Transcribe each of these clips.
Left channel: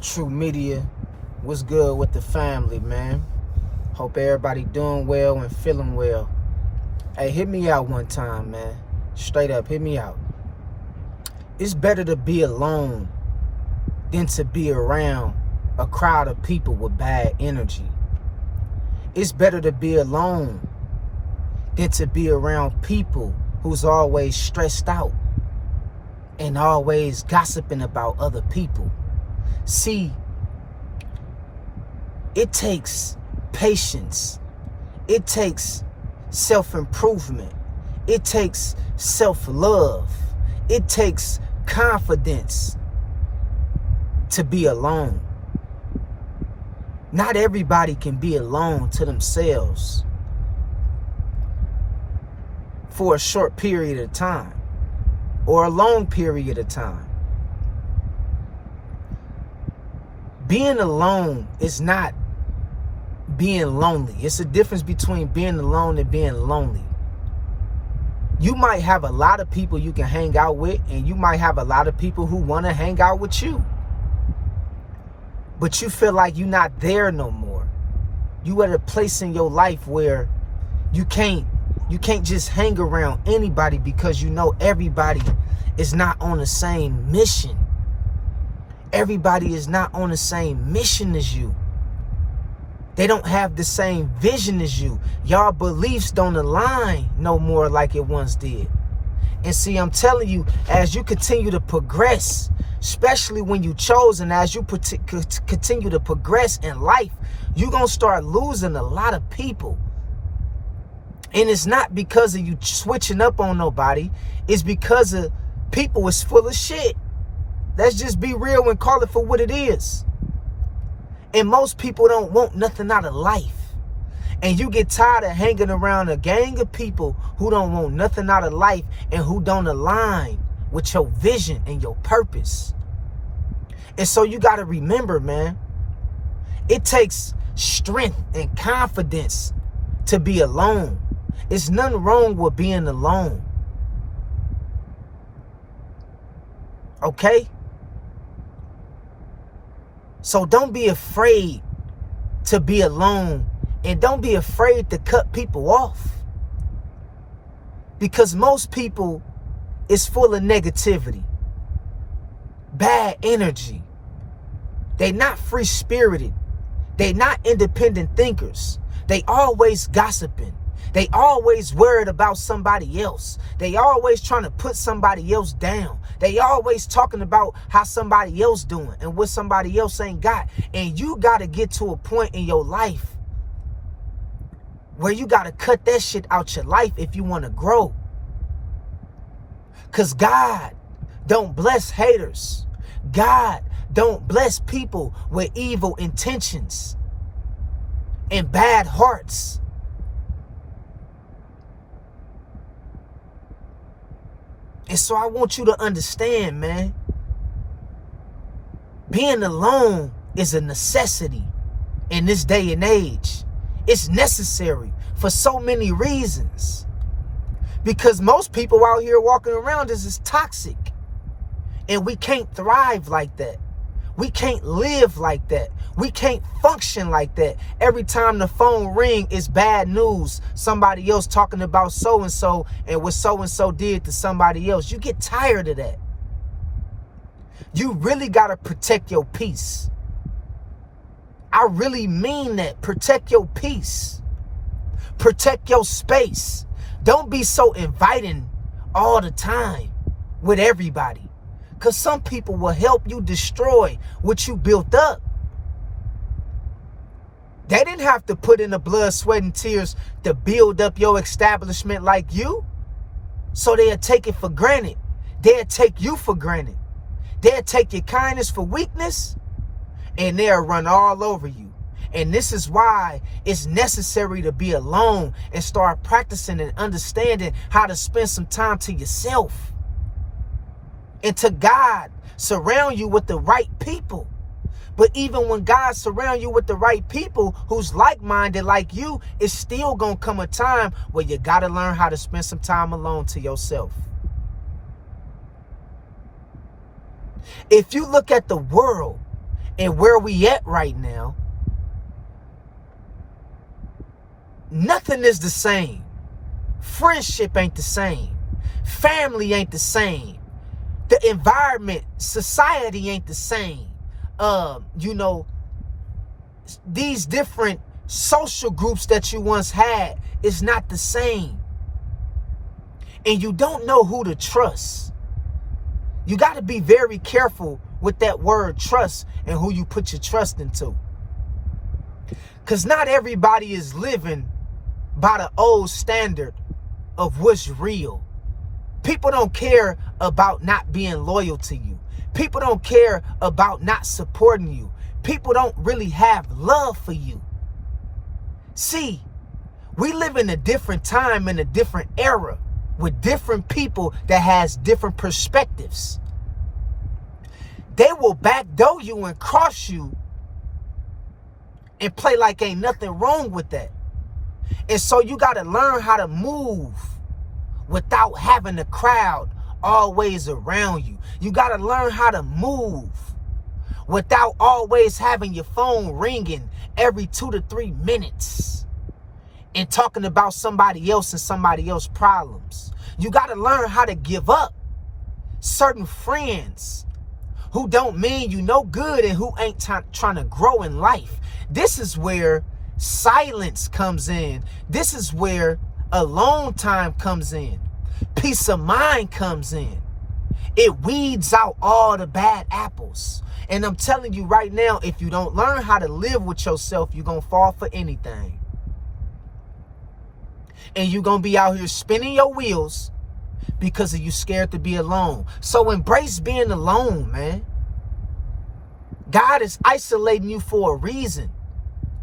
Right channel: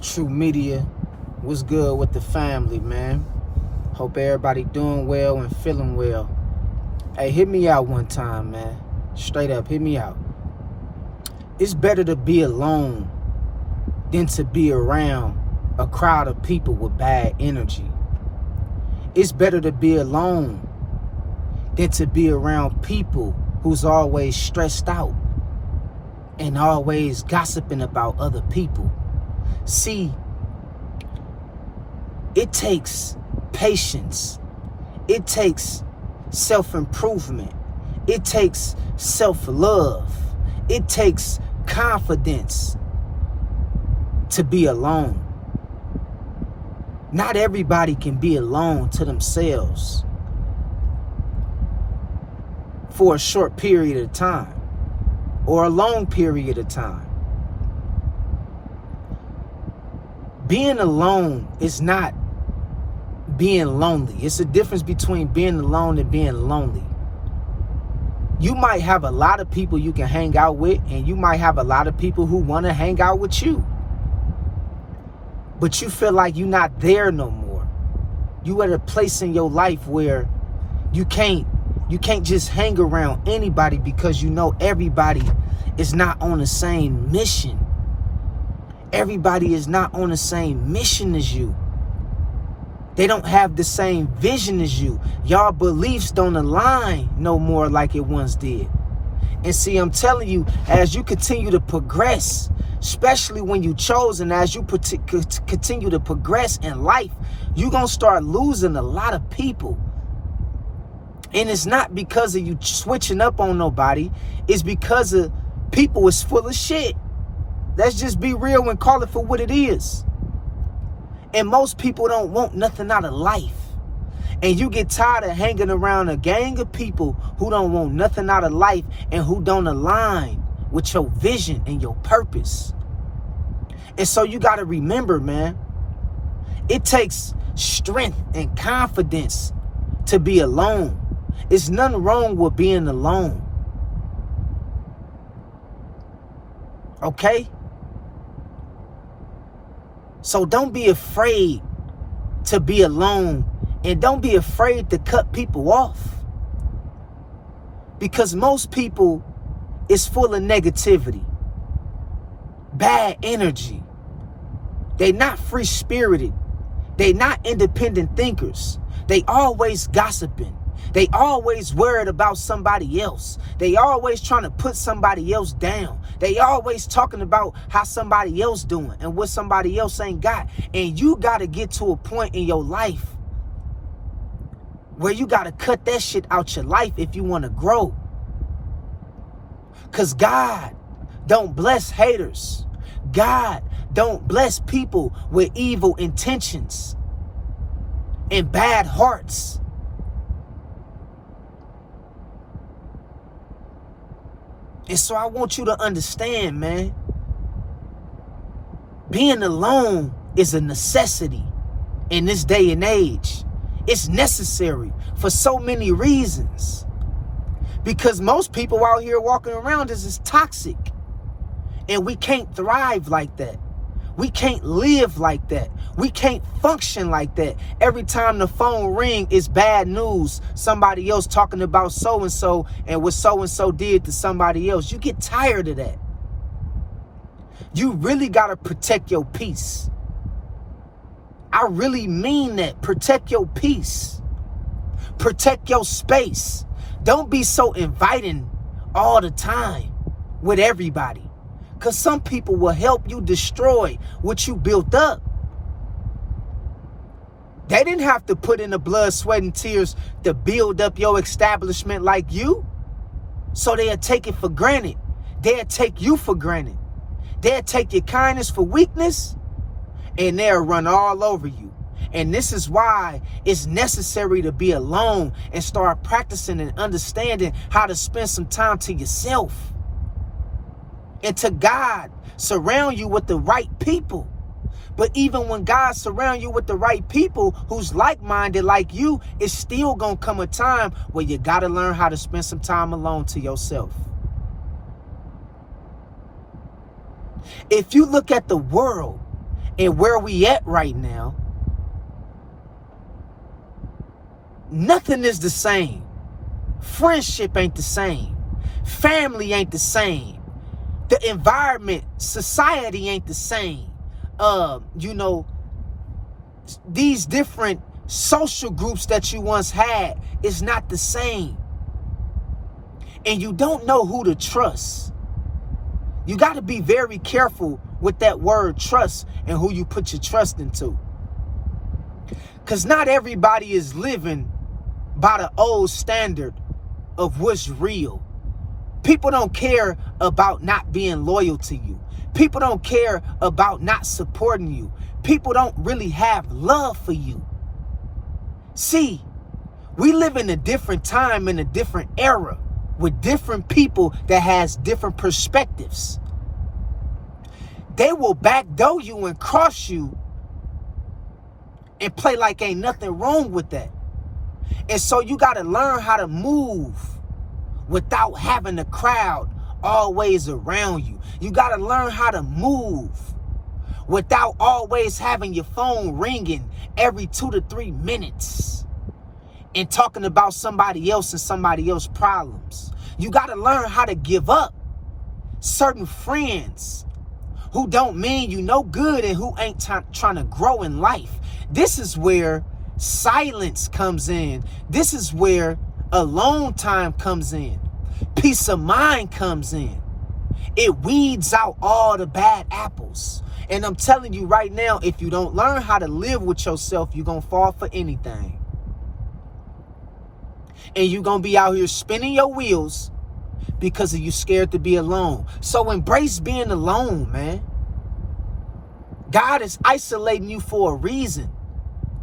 True Media. What's good with the family, man? Hope everybody doing well and feeling well. Hey, hit me out one time, man. Straight up, hit me out. It's better to be alone than to be around a crowd of people with bad energy. It's better to be alone than to be around people who's always stressed out and always gossiping about other people. See, it takes patience. It takes self-improvement. It takes self-love. It takes confidence to be alone. Not everybody can be alone to themselves for a short period of time or a long period of time. Being alone is not being lonely. It's a difference between being alone and being lonely. You might have a lot of people you can hang out with, and you might have a lot of people who want to hang out with you. But you feel like you're not there no more. You at a place in your life where you can't just hang around anybody because you know everybody is not on the same mission. Everybody is not on the same mission as you. They don't have the same vision as you. Y'all beliefs don't align no more like it once did. And see, I'm telling you, as you continue to progress, especially when you chosen, as you continue to progress in life, you're going to start losing a lot of people. And it's not because of you switching up on nobody. It's because of people is full of shit. Let's just be real and call it for what it is. And most people don't want nothing out of life. And you get tired of hanging around a gang of people who don't want nothing out of life and who don't align with your vision and your purpose. And so you got to remember, man, it takes strength and confidence to be alone. It's nothing wrong with being alone. Okay? So don't be afraid to be alone, and don't be afraid to cut people off. Because most people is full of negativity, bad energy. They not free-spirited. They not independent thinkers. They always gossiping. They always worried about somebody else. They always trying to put somebody else down. They always talking about how somebody else doing and what somebody else ain't got. And you got to get to a point in your life where you got to cut that shit out your life if you want to grow. Because God don't bless haters. God don't bless people with evil intentions and bad hearts. And so I want you to understand, man, being alone is a necessity in this day and age. It's necessary for so many reasons. Because most people out here walking around is toxic. And we can't thrive like that. We can't live like that. We can't function like that. Every time the phone ring, it's bad news. Somebody else talking about so-and-so and what so-and-so did to somebody else. You get tired of that. You really got to protect your peace. I really mean that. Protect your peace. Protect your space. Don't be so inviting all the time with everybody. Because some people will help you destroy what you built up. They didn't have to put in the blood, sweat, and tears to build up your establishment like you. So they'll take it for granted. They'll take you for granted. They'll take your kindness for weakness. And they'll run all over you. And this is why it's necessary to be alone and start practicing and understanding how to spend some time to yourself. And to God, surround you with the right people. But even when God surrounds you with the right people who's like-minded like you, it's still going to come a time where you got to learn how to spend some time alone to yourself. If you look at the world and where we at right now, nothing is the same. Friendship ain't the same. Family ain't the same. The environment, society ain't the same. These different social groups that you once had is not the same. And you don't know who to trust. You got to be very careful with that word trust and who you put your trust into. Because not everybody is living by the old standard of what's real. People don't care about not being loyal to you. People don't care about not supporting you. People don't really have love for you. See, we live in a different time, in a different era, with different people that has different perspectives. They will backdoor you and cross you and play like ain't nothing wrong with that. And so you got to learn how to move without having the crowd always around you. You got to learn how to move without always having your phone ringing every 2 to 3 minutes and talking about somebody else and somebody else's problems. You got to learn how to give up certain friends who don't mean you no good and who ain't trying to grow in life. This is where silence comes in. This is where alone time comes in. Peace of mind comes in. It weeds out all the bad apples. And I'm telling you right now, if you don't learn how to live with yourself, you're going to fall for anything. And you're going to be out here spinning your wheels because of you scared to be alone. So embrace being alone, man. God is isolating you for a reason.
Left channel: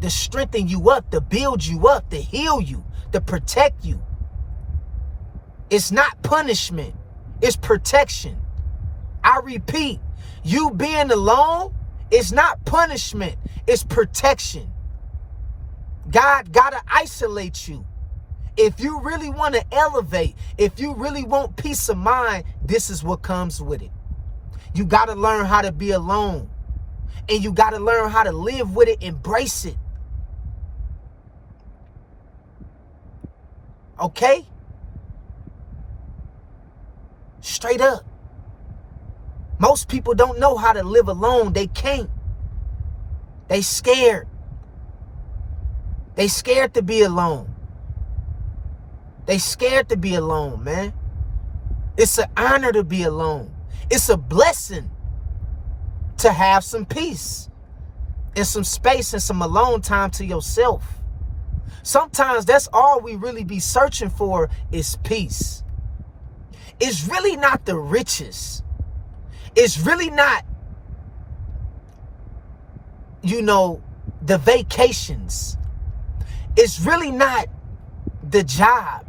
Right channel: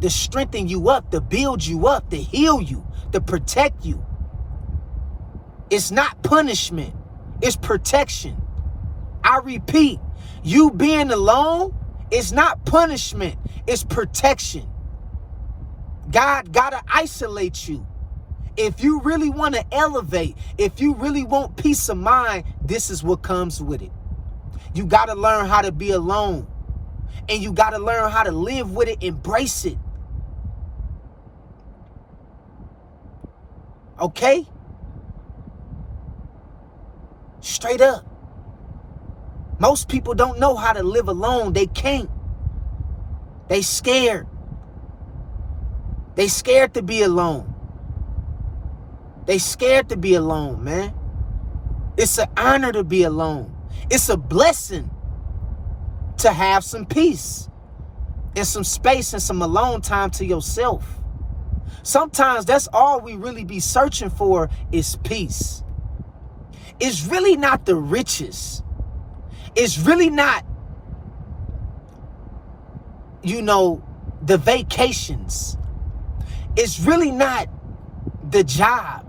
To strengthen you up, to build you up, to heal you, to protect you. It's not punishment. It's protection. I repeat, you being alone is not punishment. It's protection. God gotta isolate you. If you really want to elevate, if you really want peace of mind, this is what comes with it. You got to learn how to be alone. And you got to learn how to live with it, embrace it. Okay? Straight up. Most people don't know how to live alone. They can't. They scared. They scared to be alone. They scared to be alone, man. It's an honor to be alone. It's a blessing to have some peace and some space and some alone time to yourself. Sometimes that's all we really be searching for is peace. It's really not the riches. It's really not, the vacations. It's really not the job.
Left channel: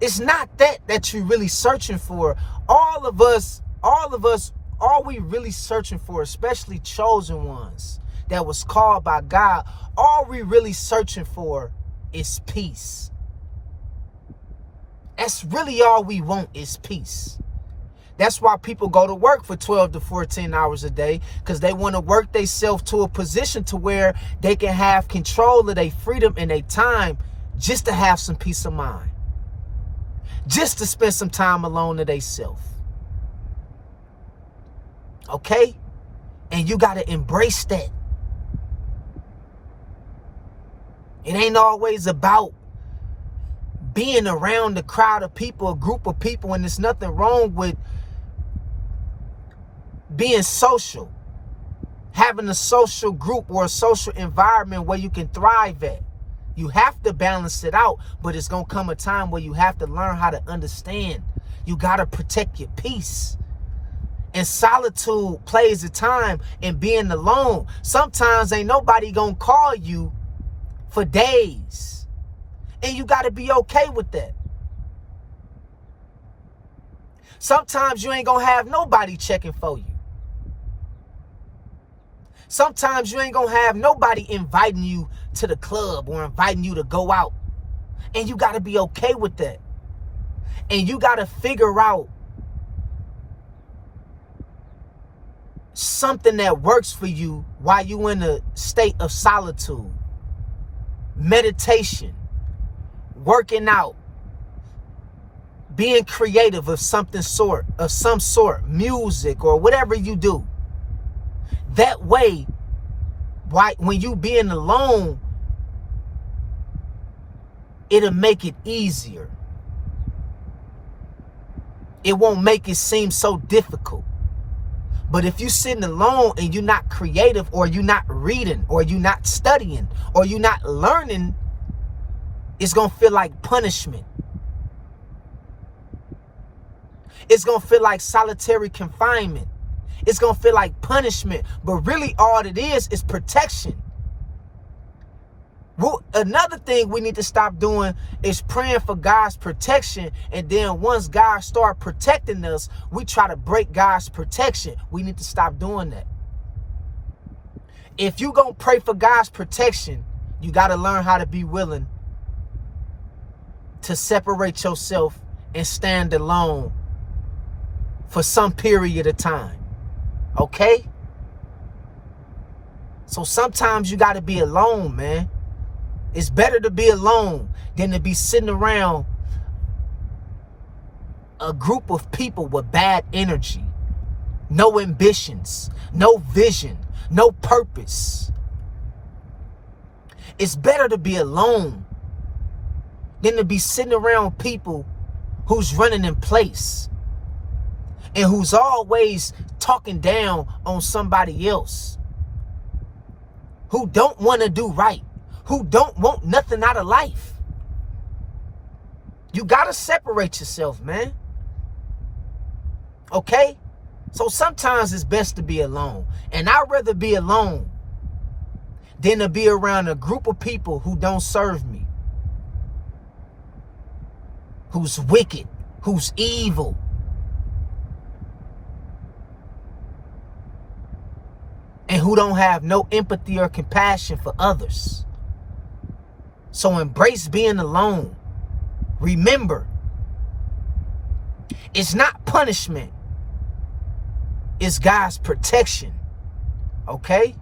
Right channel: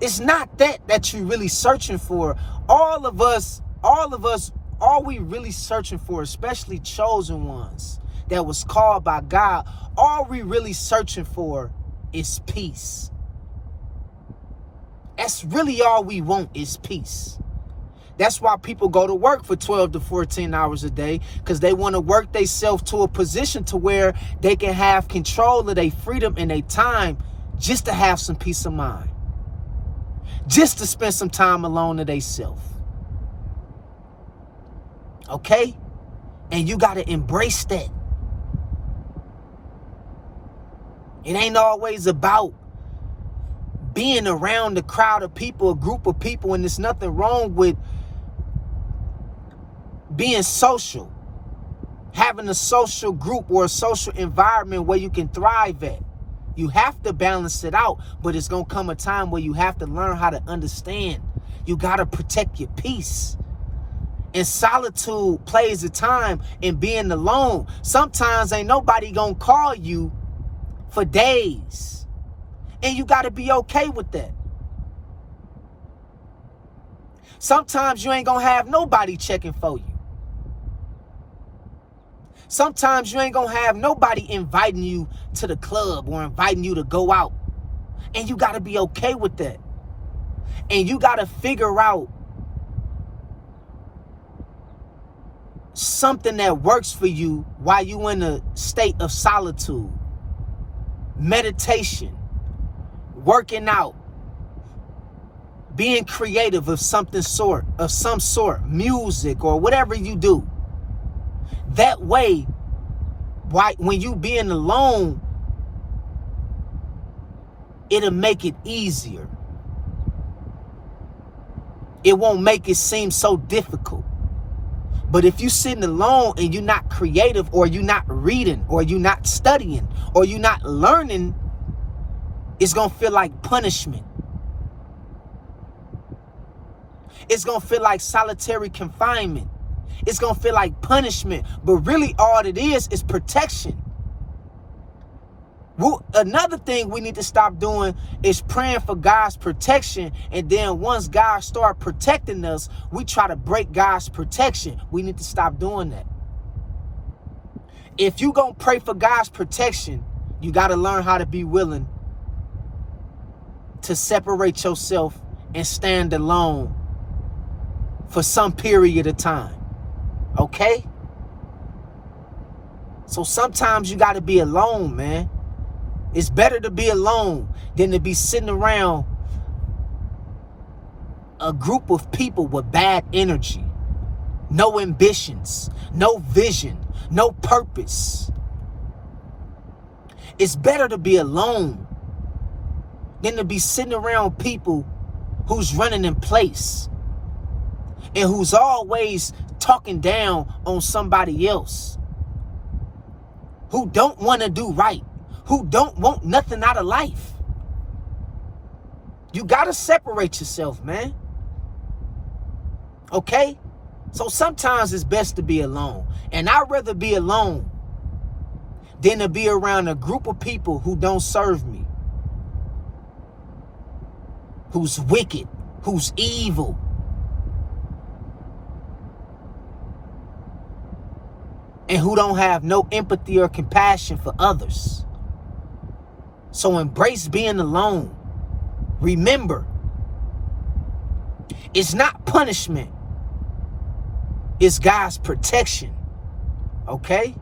It's not that you're really searching for. All of us, all we really searching for, especially chosen ones that was called by God, all we really searching for is peace. That's really all we want is peace. That's why people go to work for 12 to 14 hours a day, because they want to work themselves to a position to where they can have control of their freedom and their time just to have some peace of mind. Just to spend some time alone to themselves. Okay? And you got to embrace that. It ain't always about being around a crowd of people, a group of people, and there's nothing wrong with being social. Having a social group or a social environment where you can thrive at. You have to balance it out, but it's going to come a time where you have to learn how to understand. You got to protect your peace. And solitude plays a time in being alone. Sometimes ain't nobody going to call you for days. And you got to be okay with that. Sometimes you ain't going to have nobody checking for you. Sometimes you ain't going to have nobody inviting you to the club or inviting you to go out. And you got to be okay with that. And you got to figure out something that works for you while you in a state of solitude. Meditation, working out, being creative of some sort, music or whatever you do. That way, when you being alone, it'll make it easier. It won't make it seem so difficult. But if you're sitting alone and you're not creative, or you're not reading, or you're not studying, or you're not learning, it's going to feel like punishment. It's going to feel like solitary confinement. It's going to feel like punishment. But really all it is protection. Well, another thing we need to stop doing is praying for God's protection. And then once God start protecting us, we try to break God's protection. We need to stop doing that. If you're going to pray for God's protection, you got to learn how to be willing to separate yourself and stand alone for some period of time. Okay? So sometimes you got to be alone, man. It's better to be alone than to be sitting around a group of people with bad energy, no ambitions, no vision, no purpose. It's better to be alone than to be sitting around people who's running in place and who's always talking down on somebody else, who don't want to do right, who don't want nothing out of life. You got to separate yourself, man. Okay? So sometimes it's best to be alone. And I'd rather be alone than to be around a group of people who don't serve me, who's wicked, who's evil. And who don't have no empathy or compassion for others. So embrace being alone. Remember, it's not punishment. It's God's protection. Okay?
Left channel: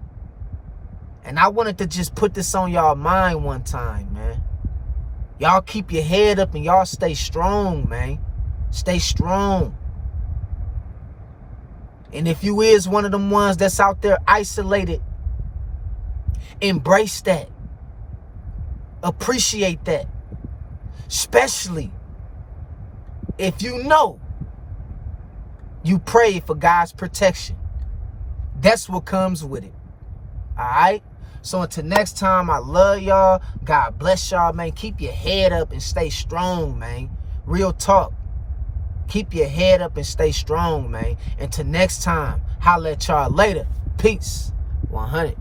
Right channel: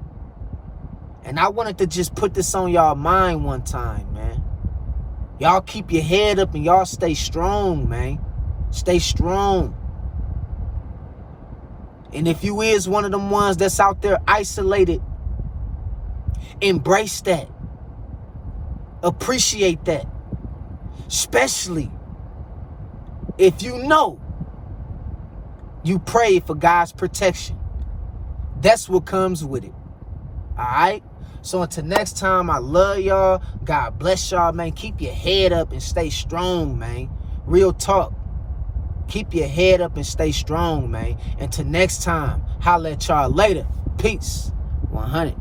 And I wanted to just put this on y'all mind one time, man. Y'all keep your head up and y'all stay strong, man. Stay strong. And if you is one of them ones that's out there isolated, embrace that. Appreciate that. Especially if you know you pray for God's protection. That's what comes with it. All right? So until next time, I love y'all. God bless y'all, man. Keep your head up and stay strong, man. Real talk. Keep your head up and stay strong, man. Until next time, holla at y'all later. Peace. 100.